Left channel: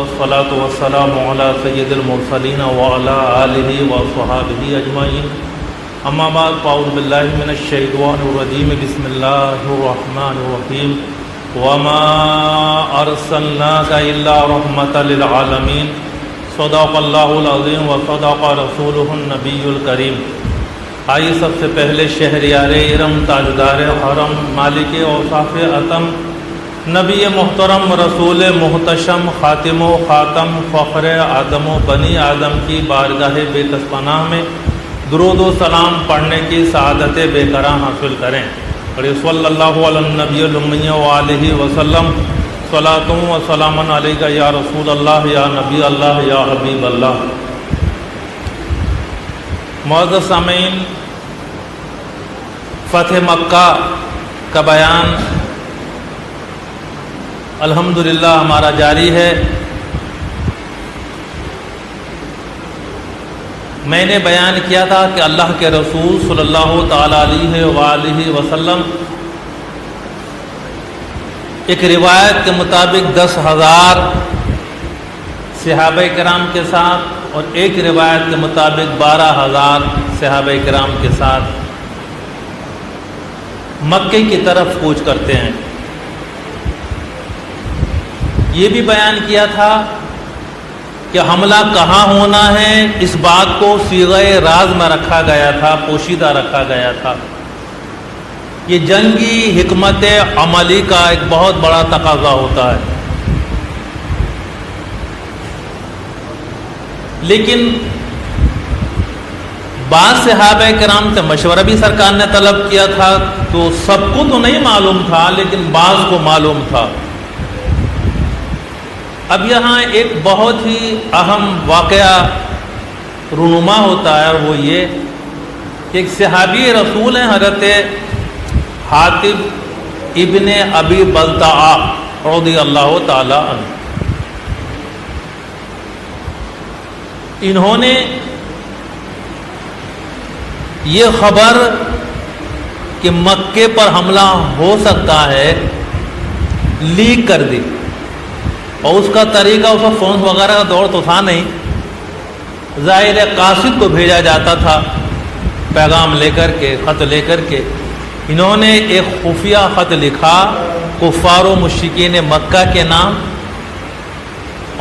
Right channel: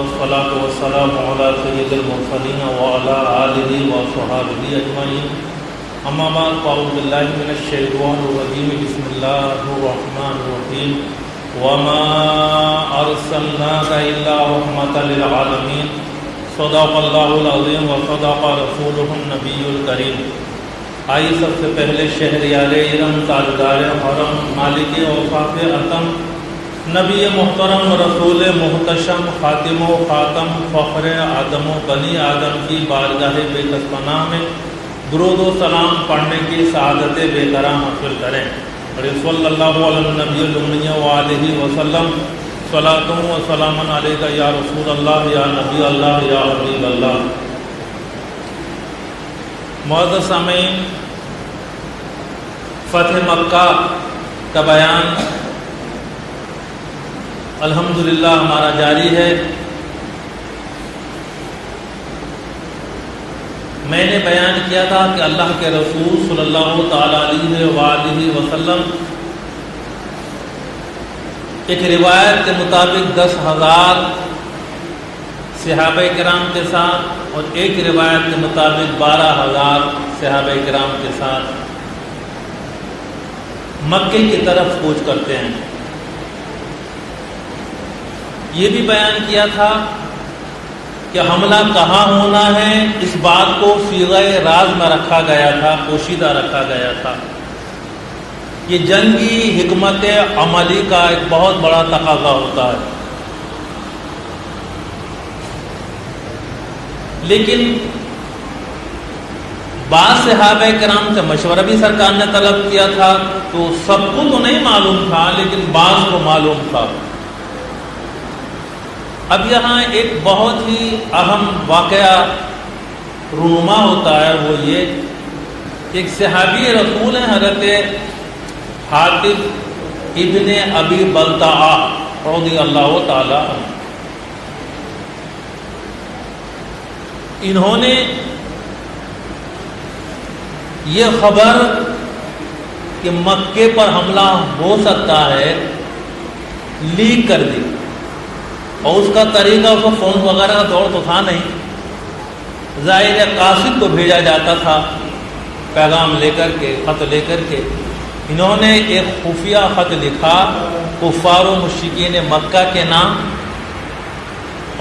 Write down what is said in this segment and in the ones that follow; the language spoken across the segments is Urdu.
والصلاة والسلام على سيد المرسلين وعلى آله وصحابه أجمعين أما بعد فأعوذ بالله من الشيطان الرجيم بسم الله الرحمن الرحيم وما أرسلناك إلا رحمة للعالمين صدق الله العظيم وصدق رسوله النبي الكريم. آئیے سب سے پہلے شہریار ارم تاجدار حرم مالک اوصاف عظم نبی محترم رسول محتشم خاتم و خاتم فخر آدم و بنی آدم کی بارگاہ بے کس پناہ میں درود و سلام پڑھنے کی سعادت بے کرام حاصل کریں. صلی اللہ علیہ النبی الامی وآلہ وسلم صلاۃ و سلام علیک یا رسول اللہ یا نبی اللہ یا حبیب اللہ. معزز سامعین، فتح مکہ کا بیان الحمدللہ ہمارا جاری ہے. میں نے بیان کیا تھا کہ اللہ کے رسول صلی اللہ تعالی علیہ وآلہ وسلم ایک روایت کے مطابق 10,000 صحابہ کرام کے ساتھ اور ایک روایت کے مطابق 12,000 صحابہ کرام کے ساتھ مکے کی طرف کوچ کرتے ہیں. یہ بھی بیان کیا تھا کہ حملہ کہاں ہونا ہے، اس بات کو صیغہ راز میں رکھا گیا تھا، پوشیدہ رکھا گیا تھا. یہ جنگی حکمت عملی کا ایک بہت بڑا تقاضا ہوتا ہے. لیکن بعض صحابہ کرام سے مشورہ بھی سرکار نے طلب کیا تھا، تو سب کو تو نہیں معلوم تھا لیکن بعض کو معلوم تھا. اب یہاں ایک بہت ہی اہم واقعہ رونما ہوتا ہے، وہ یہ کہ ایک صحابی رسول ہیں حضرت حاطب ابن ابی بلتعہ رضی اللہ تعالی عنہ. انہوں نے یہ خبر کہ مکے پر حملہ ہو سکتا ہے لیک کر دی، اور اس کا طریقہ اس کو فون وغیرہ کا دور تو تھا نہیں، ظاہر قاصد کو بھیجا جاتا تھا پیغام لے کر کے، خط لے کر کے. انہوں نے ایک خفیہ خط لکھا کفار و مشرکین مکہ کے نام،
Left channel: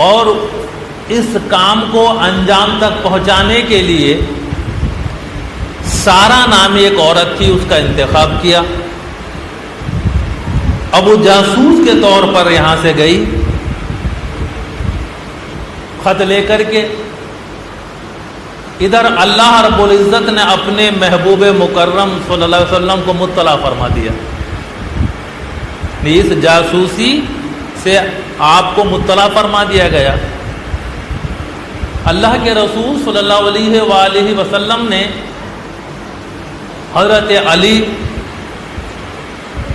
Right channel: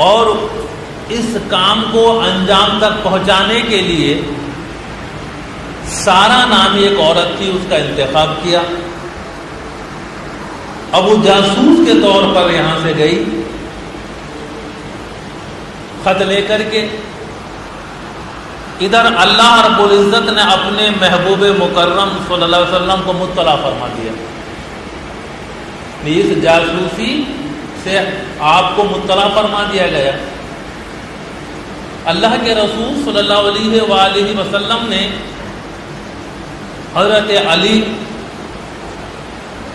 اور اس کام کو انجام تک پہنچانے کے لیے سارا نامی ایک عورت تھی، اس کا انتخاب کیا. اب وہ جاسوس کے طور پر یہاں سے گئی خط لے کر کے. ادھر اللہ رب العزت نے اپنے محبوب مکرم صلی اللہ علیہ وسلم کو مطلع فرما دیا. اس جاسوسی سے آپ کو مطلع فرما دیا گیا. اللہ کے رسول صلی اللہ علیہ وآلہ وسلم نے حضرت علی،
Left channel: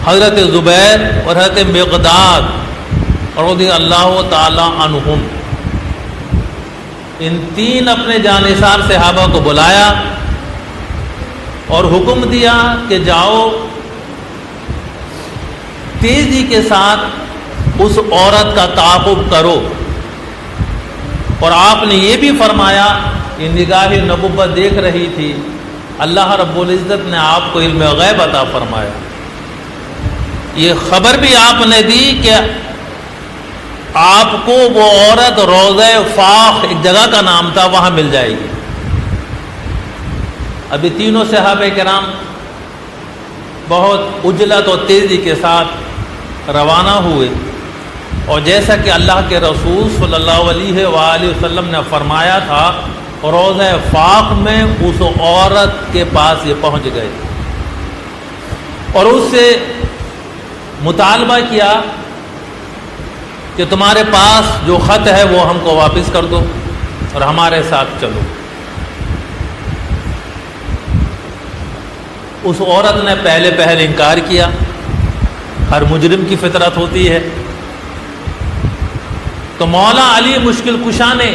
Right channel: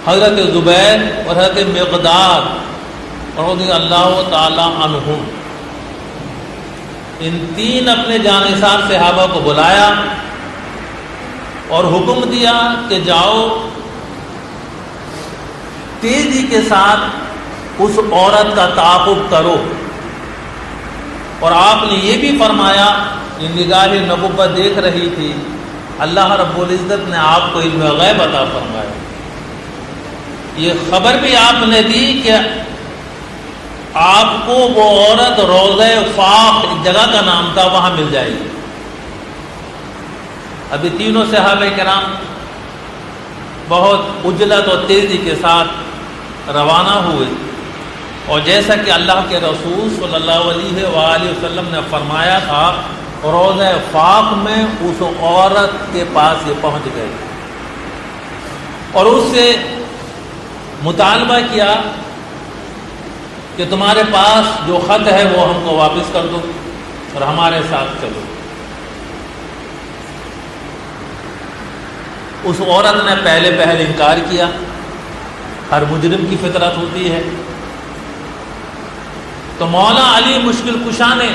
حضرت زبیر اور حضرت مقداد رضی اللہ تعالی عنہم، ان تین اپنے جانثار صحابہ کو بلایا اور حکم دیا کہ جاؤ تیزی کے ساتھ اس عورت کا تعاقب کرو. اور آپ نے یہ بھی فرمایا کہ نگاہ نبوت دیکھ رہی تھی، اللہ رب العزت نے آپ کو علم غیب عطا فرمایا. یہ خبر بھی آپ نے دی کہ آپ کو وہ عورت روضہ فاخ ایک جگہ کا نام تھا، وہاں مل جائے گی. ابھی تینوں صحابہ کرام بہت عجلت اور تیزی کے ساتھ روانہ ہوئے، اور جیسا کہ اللہ کے رسول صلی اللہ علیہ وآلہ وسلم نے فرمایا تھا، روضہ فاخ میں اس عورت کے پاس یہ پہنچ گئے اور اس سے مطالبہ کیا کہ تمہارے پاس جو خط ہے وہ ہم کو واپس کر دو اور ہمارے ساتھ چلو. اس عورت نے پہلے انکار کیا، ہر مجرم کی فطرت ہوتی ہے. تو مولا علی مشکل کشا نے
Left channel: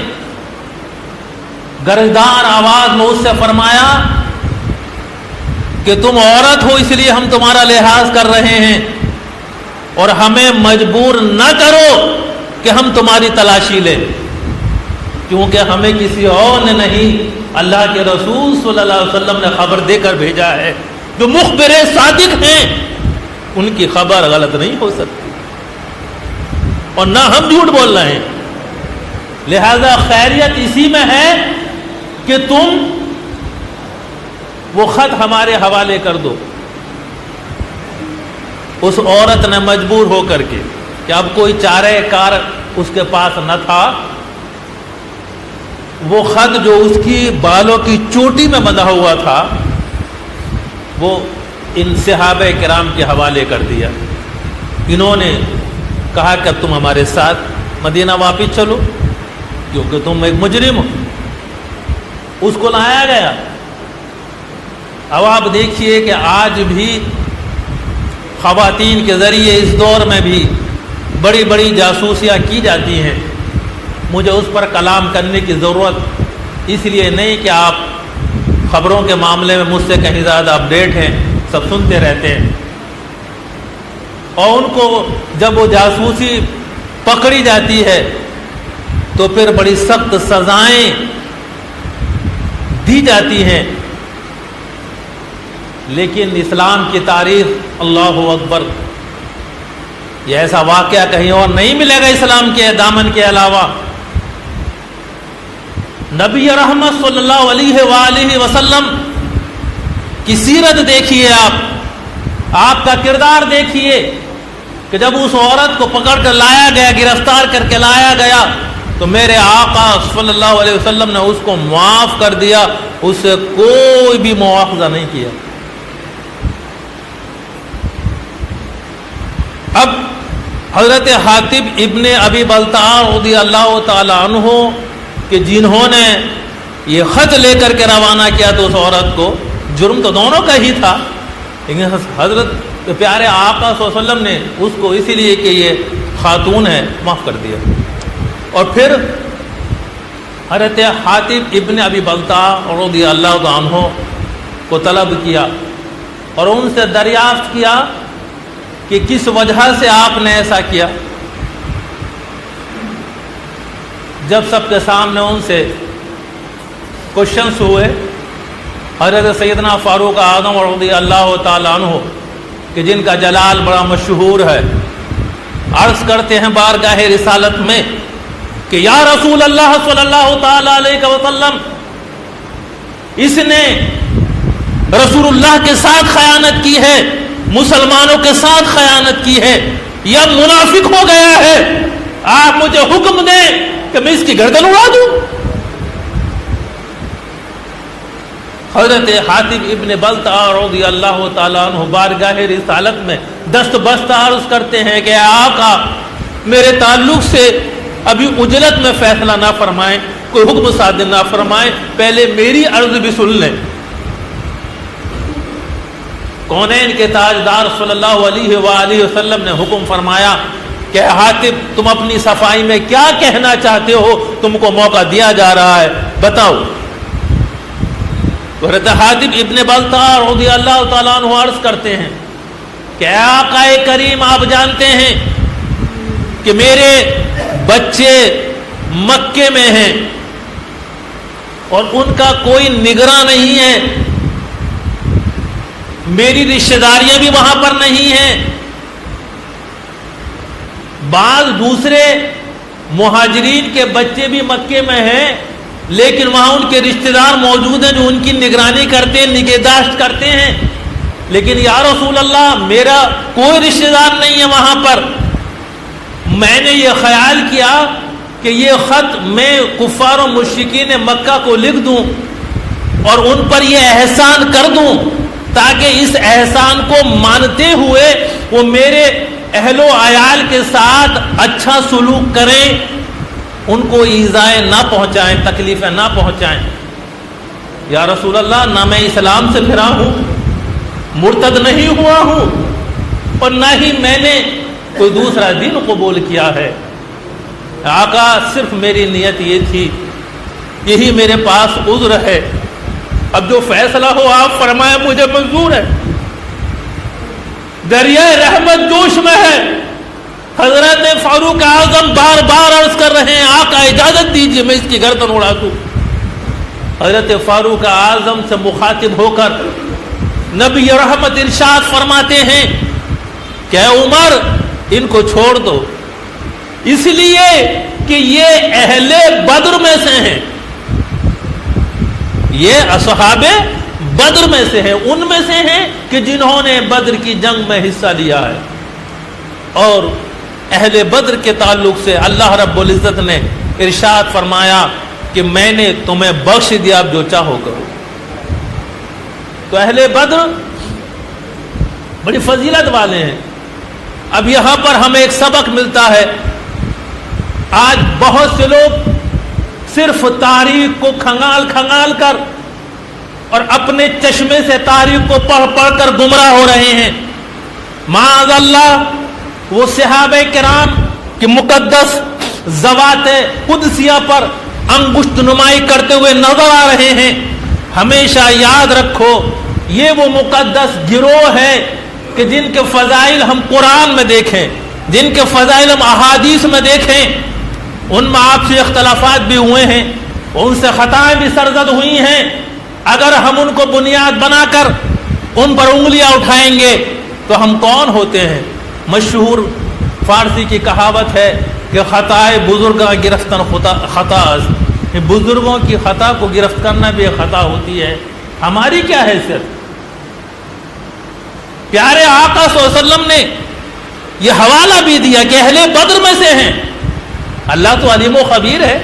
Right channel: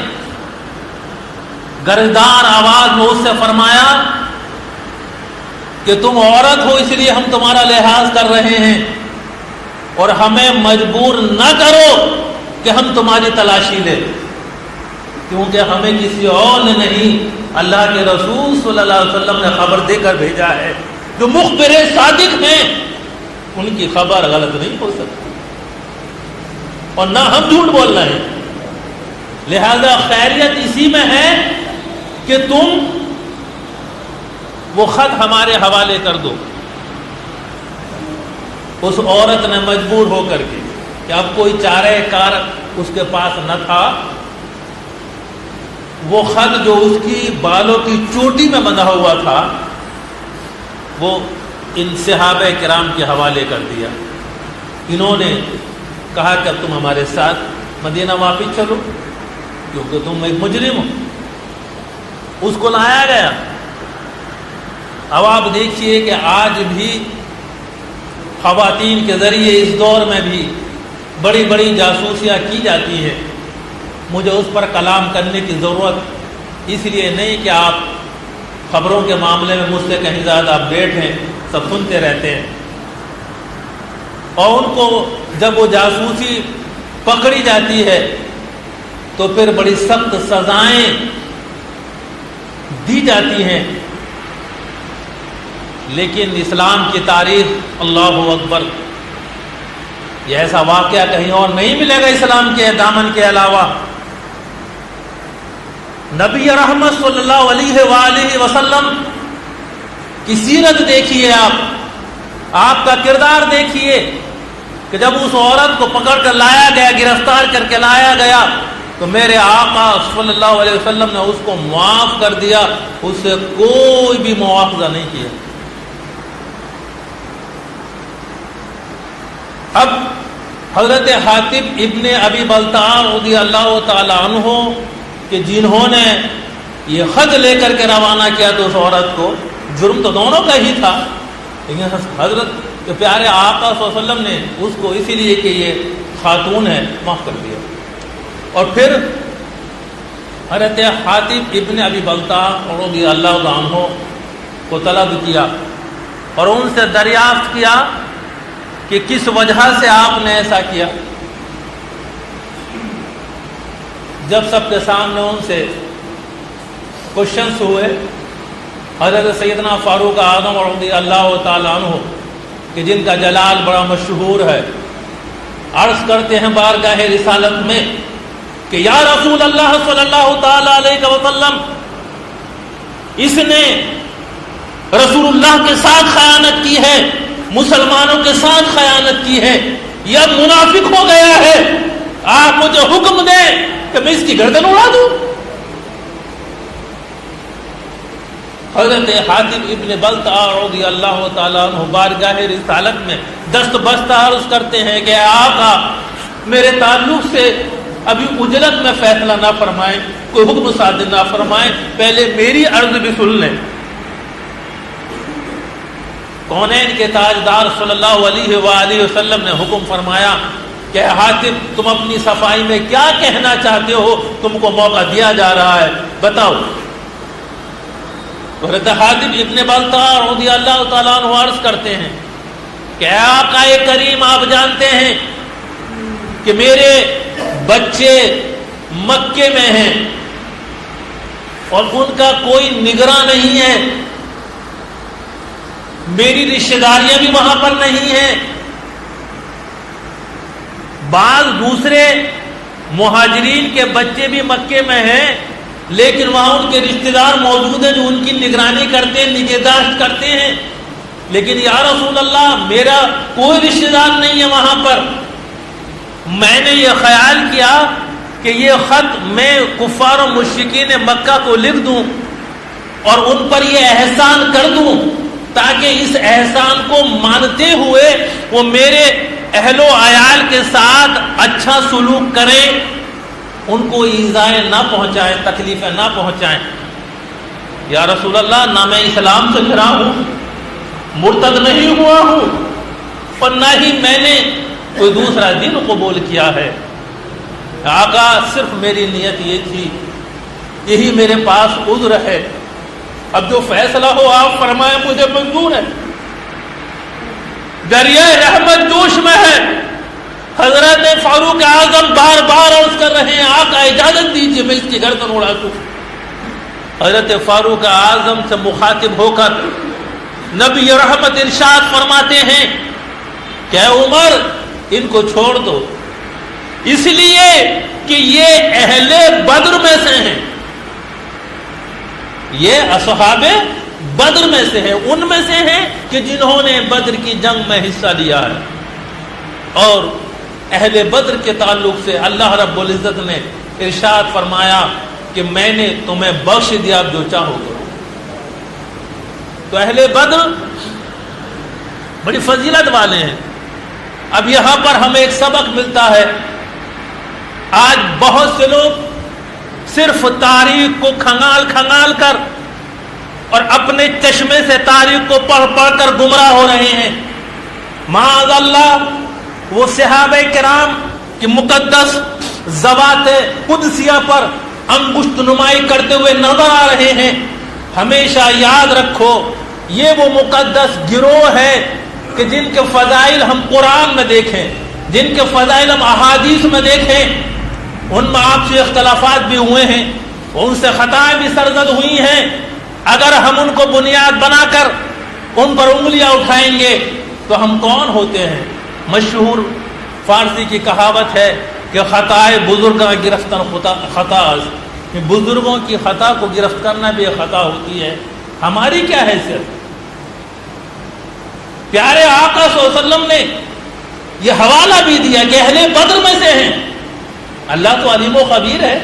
گرجدار آواز میں اس سے فرمایا کہ تم عورت ہو اس لیے ہم تمہارا لحاظ کر رہے ہیں، اور ہمیں مجبور نہ کرو کہ ہم تمہاری تلاشی لیں، کیونکہ ہمیں کسی اور نے نہیں، اللہ کے رسول صلی اللہ علیہ وسلم نے خبر دے کر بھیجا ہے، جو مخبر صادق ہیں، ان کی خبر غلط نہیں ہو سکتی، اور نہ ہم جھوٹ بول رہے ہیں۔ لہذا خیریت اسی میں ہے کہ تم وہ خط ہمارے حوالے کر دو۔ اس عورت نے مجبور ہو کر کے کہ اب کوئی چارہ کار اس کے پاس نہ تھا، وہ خط جو اس کی بالوں کی چوٹی میں بندھا ہوا تھا وہ ان صحابہ کرام کے حوالے کر دیا۔ انہوں نے کہا کہ تم ہمارے ساتھ مدینہ واپس چلو، کیونکہ تم ایک مجرم ہو۔ اس کو لایا گیا۔ اب آپ دیکھیے کہ آج بھی خواتین کے ذریعے اس دور میں بھی بڑی بڑی جاسوسیاں کی جاتی ہیں۔ مجھے اس پر کلام کرنے کی ضرورت اس لیے نہیں کہ آپ خبروں کے معاملے میں مجھ سے کہیں زیادہ اپڈیٹ ہیں، سب سنتے رہتے ہیں، اور ان کو جب وہ جاسوسی پکڑی جاتی ہے تو پھر بڑی سخت سزائیں دی جاتی ہیں۔ لیکن اسلام کی تاریخ، اللہ اکبر، یہ ایسا واقعہ کہیں اور نہیں ملے گا اسلام کے دامن کے علاوہ۔ نبی رحمت صلی اللہ علیہ وآلہ وسلم کی سیرت دیکھیے، آپ کا کردار دیکھیے کہ جب اس عورت کو پکڑ کر لایا گیا، گرفتار کر کے لایا گیا، تو میرے آقا صلی اللہ علیہ وسلم نے اس کو معاف کر دیا، اس سے کوئی بھی مواخذہ نہیں کیا۔ اب حضرت حاتب ابن ابی بلتع رضی اللہ تعالی عنہ کہ جنہوں نے یہ خط لے کر کے روانہ کیا تو اس عورت کو، جرم تو دونوں کا ہی تھا، لیکن حضرت پیارے آقا صلی اللہ علیہ وسلم نے اس کو اسی لیے کہ یہ خاتون ہے معاف کر دیا۔ اور پھر حضرت حاتب ابن ابی بلتع رضی اللہ عنہ کو طلب کیا اور ان سے دریافت کیا کہ کس وجہ سے آپ نے ایسا کیا۔ جب سب کے سامنے ان سے کوشچنس ہوئے، حضرت سیدنا فاروق اعظم رضی اللہ تعالی عنہ کہ جن کا جلال بڑا مشہور ہے، عرض کرتے ہیں بارگاہ رسالت میں کہ یا رسول اللہ صلی اللہ تعالی علیہ وسلم، اس نے رسول اللہ کے ساتھ خیانت کی ہے، مسلمانوں کے ساتھ خیانت کی ہے، یہ منافق ہو گیا ہے، آپ مجھے حکم دیں کہ میں اس کی گردن اڑا دوں۔ حضرت حاتب ابن بلتع رضی اللہ تعالیٰ عنہ بارگاہ رسالت میں دست بست عرض کرتے ہیں کہ آقا میرے تعلق سے ابھی اجلت میں فیصلہ نہ فرمائیں، کوئی حکم صادر نہ فرمائیں، پہلے میری عرض بھی سن لیں۔ کونین کے تاجدار صلی اللہ علیہ وآلہ وسلم نے حکم فرمایا کہ حاتب تم اپنی صفائی میں کیا کہنا چاہتے ہو، تم کو موقع دیا جا رہا ہے، بتاؤ۔ حضرت حاتب ابن بلتع رضی اللہ تعالیٰ عنہ عرض کرتے ہیں کہ آقا کریم آپ جانتے ہیں کہ میرے بچے مکے میں ہیں اور ان کا کوئی نگراں نہیں ہے، میری رشتہ داریاں بھی وہاں پر نہیں ہیں، بعض دوسرے مہاجرین کے بچے بھی مکے میں ہیں لیکن وہاں ان کے رشتہ دار موجود ہیں جو ان کی نگرانی کرتے ہیں، نگہداشت کرتے ہیں، لیکن یا رسول اللہ میرا کوئی رشتہ دار نہیں ہے وہاں پر۔ میں نے یہ خیال کیا کہ یہ خط میں کفار و مشرکین مکہ کو لکھ دوں اور ان پر یہ احسان کر دوں تاکہ اس احسان کو مانتے ہوئے وہ میرے اہل و عیال کے ساتھ اچھا سلوک کریں، ان کو ایذائیں نہ پہنچائیں، تکلیفیں نہ پہنچائیں۔ یا رسول اللہ نہ میں اسلام سے پھرا ہوں، مرتد نہیں ہوا ہوں، اور نہ ہی میں نے کوئی دوسرا دین قبول کیا ہے۔ آقا صرف میری نیت یہ تھی، یہی میرے پاس عذر ہے، اب جو فیصلہ ہو آپ فرمائیں مجھے منظور ہے۔ دریائے رحمت جوش میں ہے، حضرت فاروق اعظم بار بار عرض کر رہے ہیں آقا اجازت دیجیے میں اس کی گردن اڑا دوں. حضرت فاروق اعظم سے مخاطب ہو کر نبی رحمت ارشاد فرماتے ہیں کہ اے عمر ان کو چھوڑ دو، اس لیے کہ یہ اہل بدر میں سے ہیں، یہ اصحاب بدر میں سے ہیں، ان میں سے ہیں کہ جنہوں نے بدر کی جنگ میں حصہ لیا ہے. اور اہل بدر کے تعلق سے اللہ رب العزت نے ارشاد فرمایا کہ میں نے تمہیں بخش دیا، اب جو چاہو کرو. تو اہل بدر بڑی فضیلت والے ہیں. اب یہاں پر ہمیں ایک سبق ملتا ہے. آج بہت سے لوگ صرف تاریخ کو کھنگال کھنگال کر اور اپنے چشمے سے تاریخ کو پڑھ پڑھ کر گمراہ ہو رہے ہیں. معاذ اللہ وہ صحابہ کرام کی مقدس ذوات قدسیہ پر انگشت نمائی کرتے ہوئے نظر آ رہے ہیں. ہمیشہ یاد رکھو یہ وہ مقدس گروہ ہے کہ جن کے فضائل ہم قرآن میں دیکھیں، جن کے فضائل ہم احادیث میں دیکھیں. ان میں آپ سے اختلافات بھی ہوئے ہیں، ان سے خطائیں بھی سرزد ہوئی ہیں. اگر ہم ان کو بنیاد بنا کر ان پر انگلیاں اٹھائیں گے تو ہم کون ہوتے ہیں؟ مشہور فارسی کی کہاوت ہے کہ خطائے بزرگاں گرفتن خطا، بزرگوں کی خطا کو گرفت کرنا بھی ایک خطا ہوتی ہے. ہماری کیا حیثیت؟ پیارے آقا صلی اللہ علیہ وسلم نے یہ حوالہ بھی دیا کہ اہل بدر میں سے ہیں. اللہ تو علیم و خبیر ہے،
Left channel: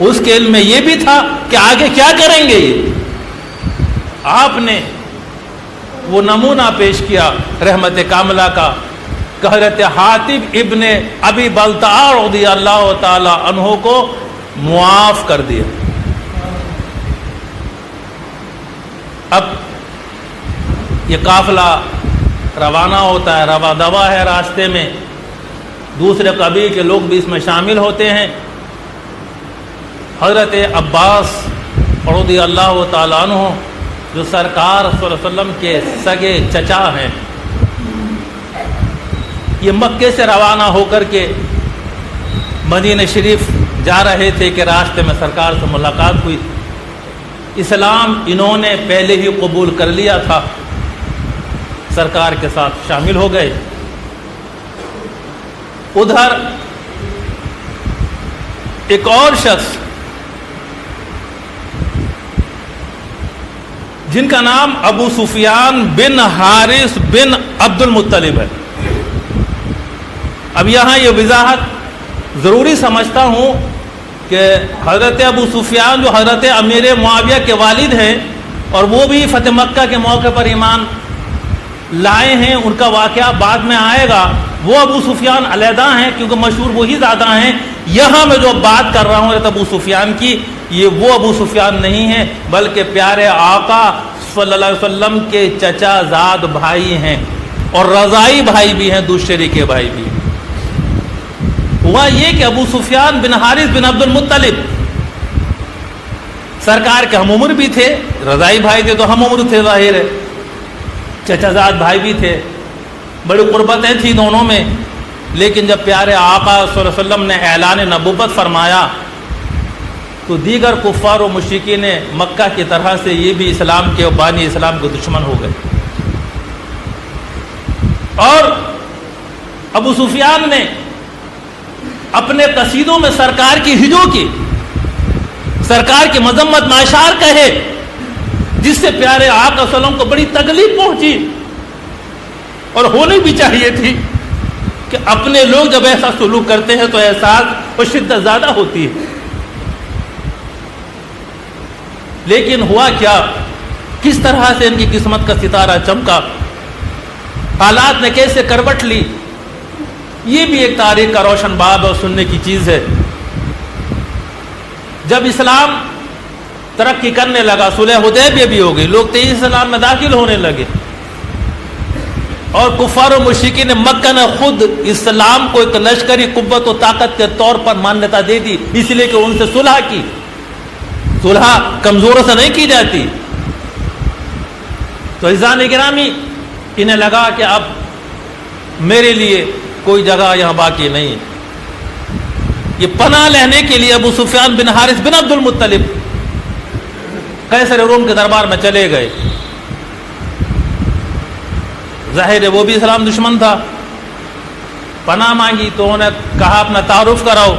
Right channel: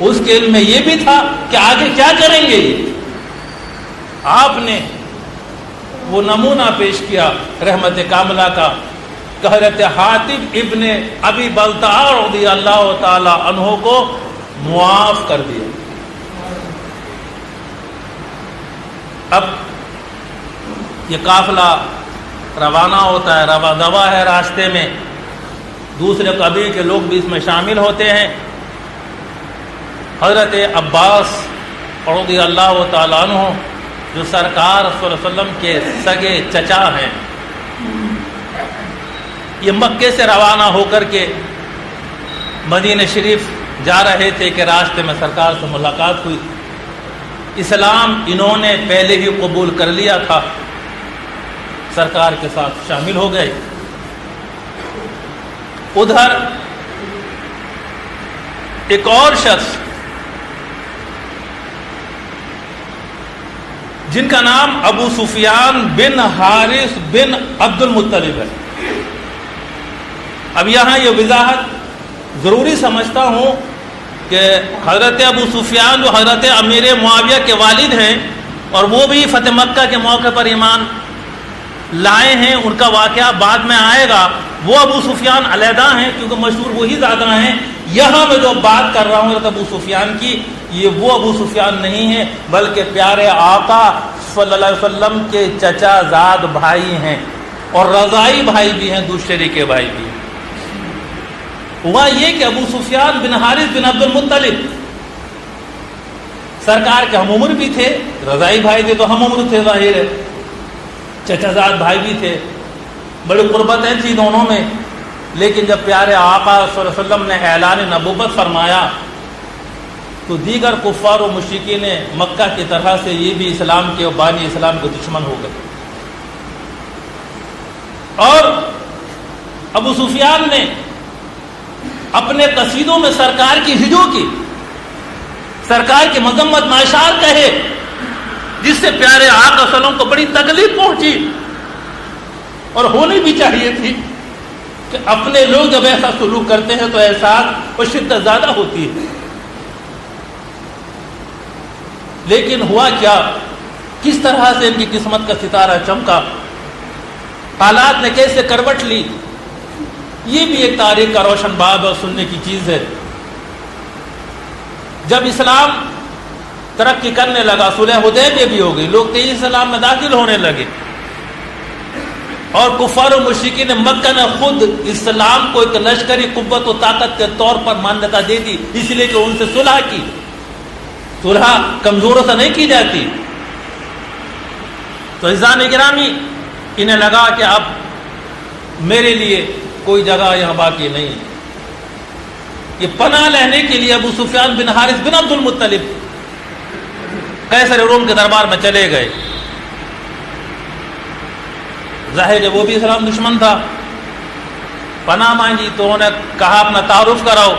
اس کے علم میں یہ بھی تھا کہ آگے کیا کریں گے. یہ آپ نے وہ نمونہ پیش کیا رحمت کاملہ کا کہ حضرت حاتب ابن ابی بلتع رضی اللہ تعالی عنہ کو معاف کر دیا. اب یہ قافلہ روانہ ہوتا ہے، روا دوا ہے، راستے میں دوسرے قبیل کے لوگ بھی اس میں شامل ہوتے ہیں. حضرت عباس رضی اللہ تعالی عنہ جو سرکار صلی اللہ علیہ وسلم کے سگے چچا ہیں، یہ مکے سے روانہ ہو کر کے مدینہ شریف جا رہے تھے کہ راستے میں سرکار سے ملاقات ہوئی. اسلام انہوں نے پہلے ہی قبول کر لیا تھا، سرکار کے ساتھ شامل ہو گئے. ادھر ایک اور شخص جن کا نام ابو سفیان بن حارث بن عبد المطلب ہے. اب یہاں یہ وضاحت ضروری سمجھتا ہوں کہ حضرت ابو سفیان جو حضرت امیر معاویہ کے والد ہیں اور وہ بھی فتح مکہ کے موقع پر ایمان لائے ہیں، ان کا واقعہ بعد میں آئے گا. وہ ابو سفیان علیحدہ ہیں کیونکہ مشہور وہی زیادہ ہیں. یہاں میں جو بات کر رہا ہوں ابو سفیان کی، یہ وہ ابو سفیان نہیں ہے بلکہ پیارے آقا صلی اللہ علیہ وسلم کے چچا زاد بھائی ہیں اور رضائی بھائی بھی ہیں، دوسرے کے بھائی بھی ہیں. ہوا یہ کہ ابو سفیان بن حارث بن عبد المطلب سرکار کے ہم عمر بھی تھے، رضائی بھائی تھے تو ہم عمر تھے، ظاہر ہے چچا زاد بھائی بھی تھے، بڑی قربتیں تھیں دونوں میں. لیکن جب پیارے آقا صلی اللہ علیہ وسلم نے اعلان نبوت فرمایا تو دیگر کفار و مشرکین مکہ کی طرح سے یہ بھی اسلام کے بانی اسلام کے دشمن ہو گئے. اور ابو سفیان نے اپنے قصیدوں میں سرکار کی ہجو کی، سرکار کی مذمت ناشار کہے، جس سے پیارے آقا صلی اللہ علیہ وسلم کو بڑی تکلیف پہنچی. اور ہونی بھی چاہیے تھی کہ اپنے لوگ جب ایسا سلوک کرتے ہیں تو احساس اور شدت زیادہ ہوتی ہے. لیکن ہوا کیا، کس طرح سے ان کی قسمت کا ستارہ چمکا، حالات نے کیسے کروٹ لی، یہ بھی ایک تاریخ کا روشن باب اور سننے کی چیز ہے. جب اسلام ترقی کرنے لگا، صلح حدیبیہ بھی ہو گئی، لوگ تیزی اسلام میں داخل ہونے لگے اور کفار و مشرکین مکہ نے خود اسلام کو ایک لشکری قوت و طاقت کے طور پر مانیتا دے دی، اس لیے کہ ان سے صلح کی. صلح کمزوروں سے نہیں کی جاتی. تو عزیزان گرامی، انہیں لگا کہ اب میرے لیے کوئی جگہ یہاں باقی نہیں ہے۔ یہ پناہ لینے کے لیے ابو سفیان بن حارث بن عبد المطلب قیصر روم کے دربار میں چلے گئے۔ ظاہر ہے وہ بھی اسلام دشمن تھا، پناہ مانگی تو انہوں نے کہا اپنا تعارف کراؤ۔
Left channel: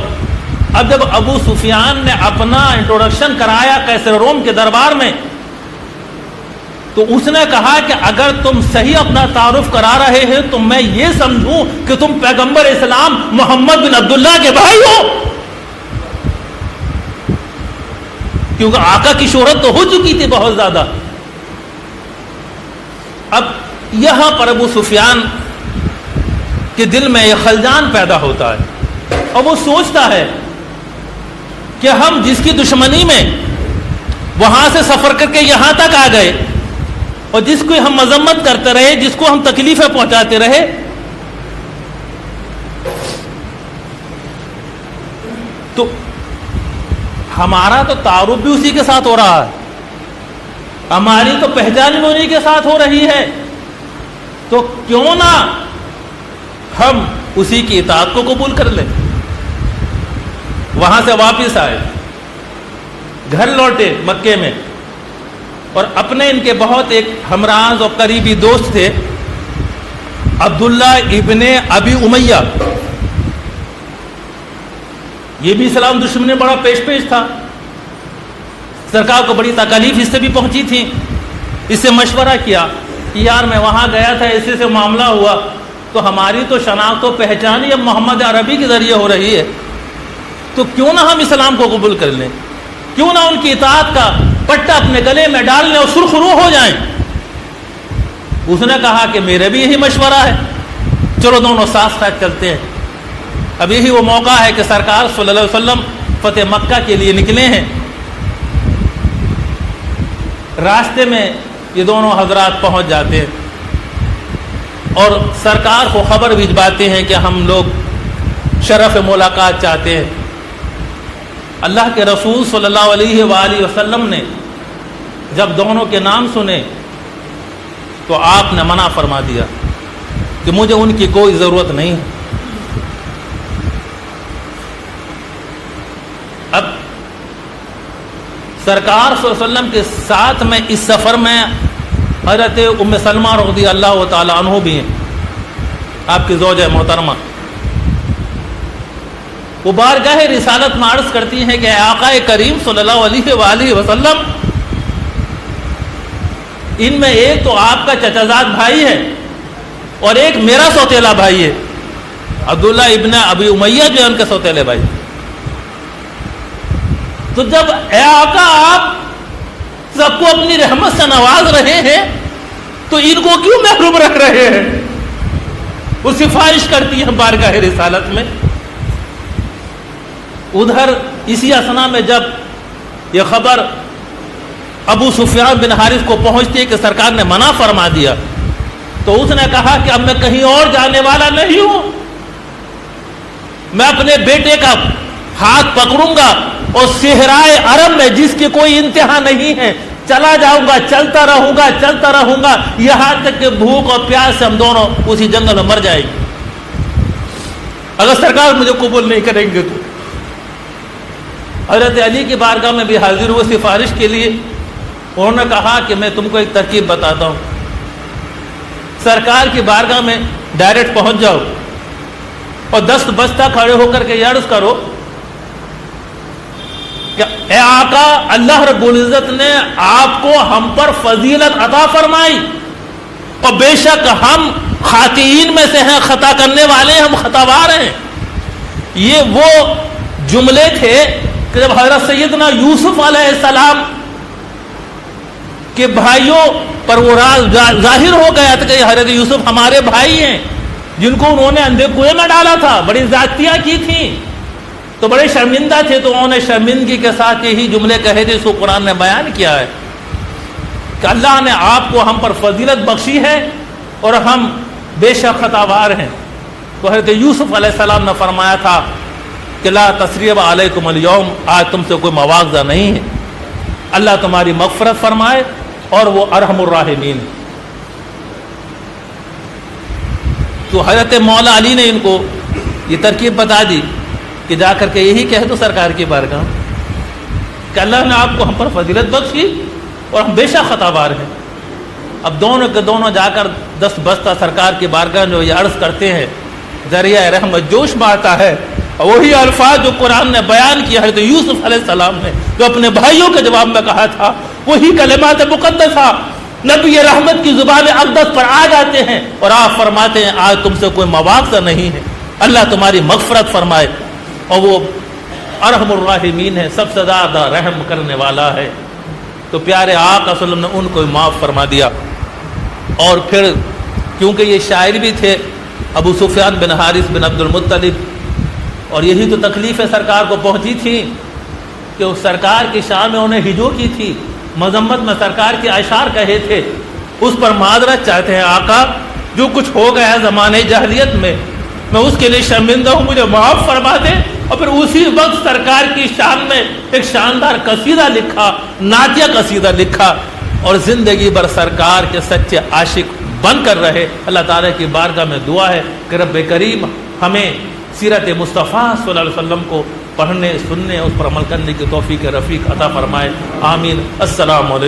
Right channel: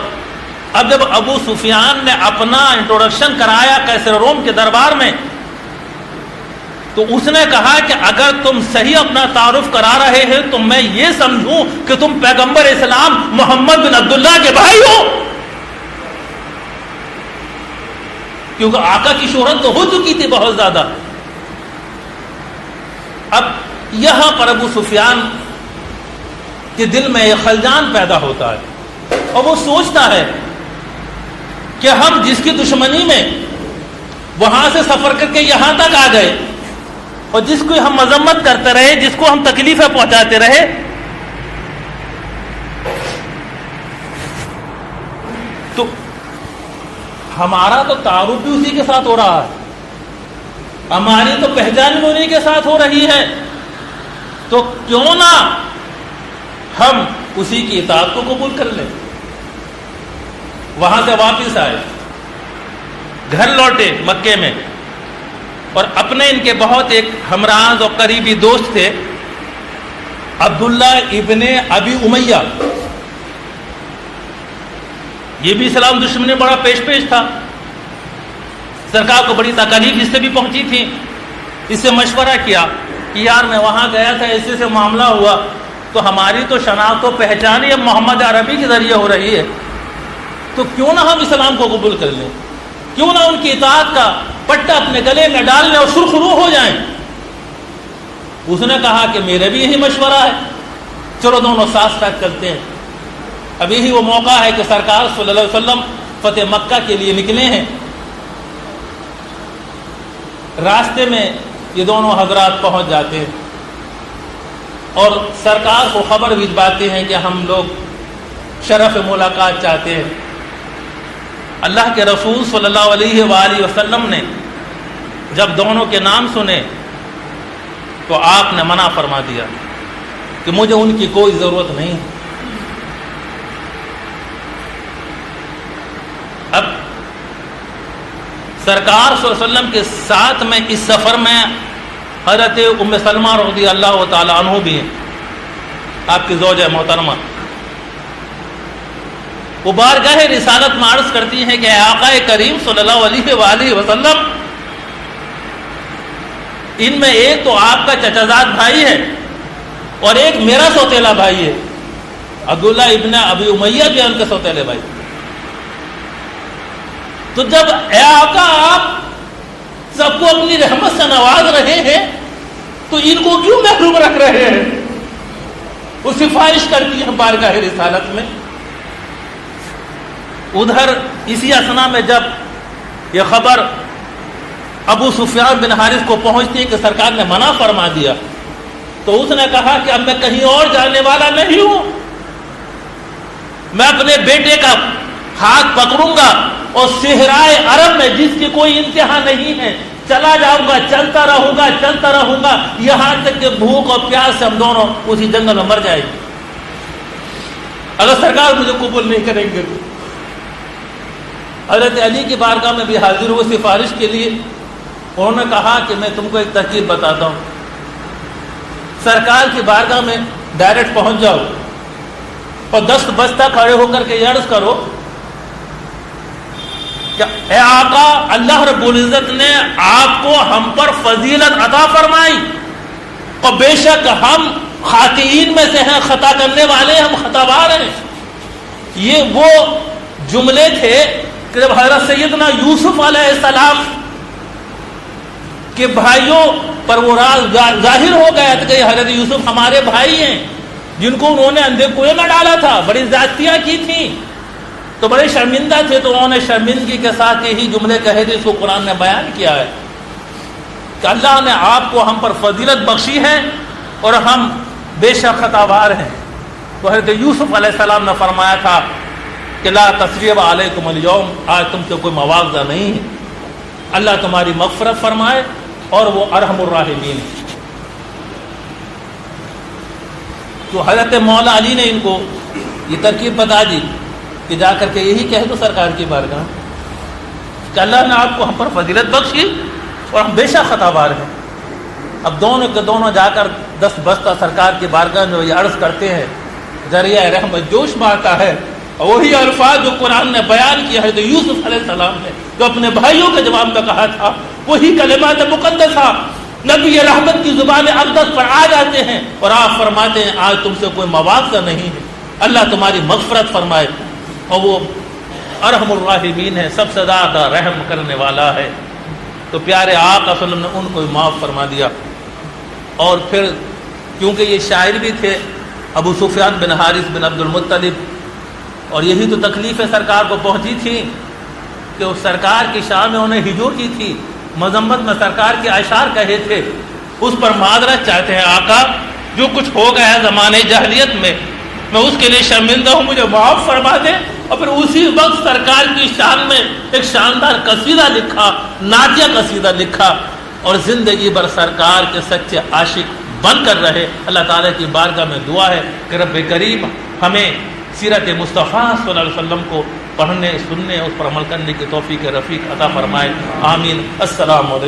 اب جب ابو سفیان نے اپنا انٹروڈکشن کرایا قیصر روم کے دربار میں تو اس نے کہا کہ اگر تم صحیح اپنا تعارف کرا رہے ہیں تو میں یہ سمجھوں کہ تم پیغمبر اسلام محمد بن عبداللہ کے بھائی ہو، کیونکہ آقا کی شہرت تو ہو چکی تھی بہت زیادہ۔ اب یہاں پر ابو سفیان کے دل میں یہ خلجان پیدا ہوتا ہے اور وہ سوچتا ہے کہ ہم جس کی دشمنی میں وہاں سے سفر کر کے یہاں تک آ گئے اور جس کو ہم مذمت کرتے رہے، جس کو ہم تکلیفیں پہنچاتے رہے، تو ہمارا تو تعارف بھی اسی کے ساتھ ہو رہا ہے، ہماری تو پہچان بھی انہی کے ساتھ ہو رہی ہے، تو کیوں نہ ہم اسی کی اطاعت کو قبول کر لیں۔ وہاں سے واپس آئے، گھر لوٹے مکے میں، اور اپنے ان کے بہت ایک ہمراز اور قریبی دوست تھے عبداللہ ابن ابی امیہ، یہ بھی اسلام دشمنی بڑا پیش تھا، سرکار کو بڑی تکلیف اس سے بھی پہنچی تھی۔ اس سے مشورہ کیا کہ یار میں وہاں گیا تھا، اسی سے معاملہ ہوا، تو ہماری تو شناخت و پہچان ہی اب محمد عربی کے ذریعے ہو رہی ہے، تو کیوں نہ ہم اسلام کو قبول کر لیں، کیوں نہ ان کی اطاعت کا پٹا اپنے گلے میں ڈال لیں اور سرخ رو ہو جائیں۔ اس نے کہا کہ میرے بھی یہی مشورہ ہے، چلو دونوں ساتھ ساتھ چلتے ہیں۔ اب یہی وہ موقع ہے کہ سرکار صلی اللہ علیہ وسلم فتح مکہ کے لیے نکلے ہیں۔ راستے میں یہ دونوں حضرات پہنچ جاتے ہیں اور سرکار کو خبر بھجواتے ہیں کہ ہم لوگ شرف ملاقات چاہتے ہیں۔ اللہ کے رسول صلی اللہ علیہ وآلہ وسلم نے جب دونوں کے نام سنے تو آپ نے منع فرما دیا کہ مجھے ان کی کوئی ضرورت نہیں۔ اب سرکار صلی اللہ علیہ وسلم کے ساتھ میں اس سفر میں حضرت ام سلمہ رضی اللہ تعالی عنہ بھی ہیں، آپ کی زوجہ محترمہ۔ وہ بارگاہ رسالت میں عرض کرتی ہیں کہ اے آقا کریم صلی اللہ علیہ وآلہ وسلم، ان میں ایک تو آپ کا چچا زاد بھائی ہے اور ایک میرا سوتیلا بھائی ہے، عبداللہ ابن ابی امیہ جو ہے ان کا سوتیلے بھائی۔ تو جب اے آقا آپ سب کو اپنی رحمت سے نواز رہے ہیں تو ان کو کیوں محروم رکھ رہے ہیں؟ وہ سفارش کرتی ہے بارگاہ رسالت میں۔ ادھر اسی اثنا میں جب یہ خبر ابو سفیان بن حارث کو پہنچتی ہے کہ سرکار نے منع فرما دیا تو اس نے کہا کہ اب میں کہیں اور جانے والا نہیں ہوں، میں اپنے بیٹے کا ہاتھ پکڑوں گا اور صحرائے عرب میں جس کی کوئی انتہا نہیں ہے چلا جاؤں گا، چلتا رہوں گا یہاں تک کہ بھوک اور پیاس سے ہم دونوں اسی جنگل میں مر جائیں گے اگر سرکار مجھے قبول نہیں کریں گے۔ حضرت علی کی بارگاہ میں بھی حاضر ہوئے سفارش کے لیے۔ انہوں نے کہا کہ میں تم کو ایک ترکیب بتاتا ہوں، سرکار کی بارگاہ میں ڈائریکٹ پہنچ جاؤ اور دست بستہ کھڑے ہو کر کے یہ عرض کرو کہ اے آقا اللہ رب العزت نے آپ کو ہم پر فضیلت عطا فرمائی اور بے شک ہم خاطئین میں سے ہیں، خطا کرنے والے ہیں، ہم خطاوار ہیں۔ یہ وہ جملے تھے کہ جب حضرت سیدنا یوسف علیہ السلام کے بھائیوں پر وہ راز ظاہر ہو گیا تھا کہ حضرت یوسف ہمارے بھائی ہیں جن کو انہوں نے اندھے کنویں میں ڈالا تھا، بڑی زیادتیاں کی تھیں، تو بڑے شرمندہ تھے، تو انہوں نے شرمندگی کے ساتھ یہی جملے کہے تھے۔ سو قرآن نے بیان کیا ہے کہ اللہ نے آپ کو ہم پر فضیلت بخشی ہے اور ہم بے شک خطاوار ہیں۔ تو حضرت یوسف علیہ السلام نے فرمایا تھا کہ لا تثریب علیکم اليوم، آج تم سے کوئی مواخذہ نہیں ہے، اللہ تمہاری مغفرت فرمائے اور وہ ارحم الراحمین۔ تو حضرت مولا علی نے ان کو یہ ترکیب بتا دی کہ جا کر کے یہی کہہ دو سرکار کی بارگاہ کہ اللہ نے آپ کو ہم پر فضیلت بخشی اور ہم بے شک خطا بار ہیں. اب دونوں کے دونوں جا کر دست بستہ سرکار کی بارگاہ جو یہ عرض کرتے ہیں, ذریعہ رحمت جوش میں آتا ہے. وہی الفاظ جو قرآن نے بیان کیا ہے, تو یوسف علیہ السلام نے جو اپنے بھائیوں کے جواب میں کہا تھا, وہی کلمات مقدسہ نبی رحمت کی زبان اقدس پر آ جاتے ہیں اور آپ فرماتے ہیں آج تم سے کوئی مواخذہ نہیں ہے, اللہ تمہاری مغفرت فرمائے. اور وہ ارحم الراحمین ہے, سب سے زیادہ رحم کرنے والا ہے. تو پیارے آقا صلی اللہ علیہ وسلم نے ان کو معاف فرما دیا. اور پھر کیونکہ یہ شاعر بھی تھے ابو سفیان بن حارث بن عبد المطلب, اور یہی تو تکلیفیں سرکار کو پہنچی تھی کہ اس سرکار کی شان میں انہیں ہجو کی تھی, مذمت میں سرکار کے اشعار کہے تھے, اس پر معذرت چاہتے ہیں آقا جو کچھ ہو گیا زمانے جاہلیت میں اس کے لیے شرمندہ ہوں, مجھے معاف فرما دیں. اور پھر اسی وقت سرکار کی شان میں ایک شاندار قصیدہ لکھا, نعتیہ قصیدہ لکھا, اور زندگی بھر سرکار کے سچے عاشق بن کر رہے. اللہ تعالیٰ کی بارگاہ میں دعا ہے کہ رب کریم ہمیں سیرت مصطفیٰ صلی اللہ علیہ وسلم کو پڑھنے سننے اس پر عمل کرنے کی توفیق رفیق عطا فرمائے. آمین. السلام علیکم.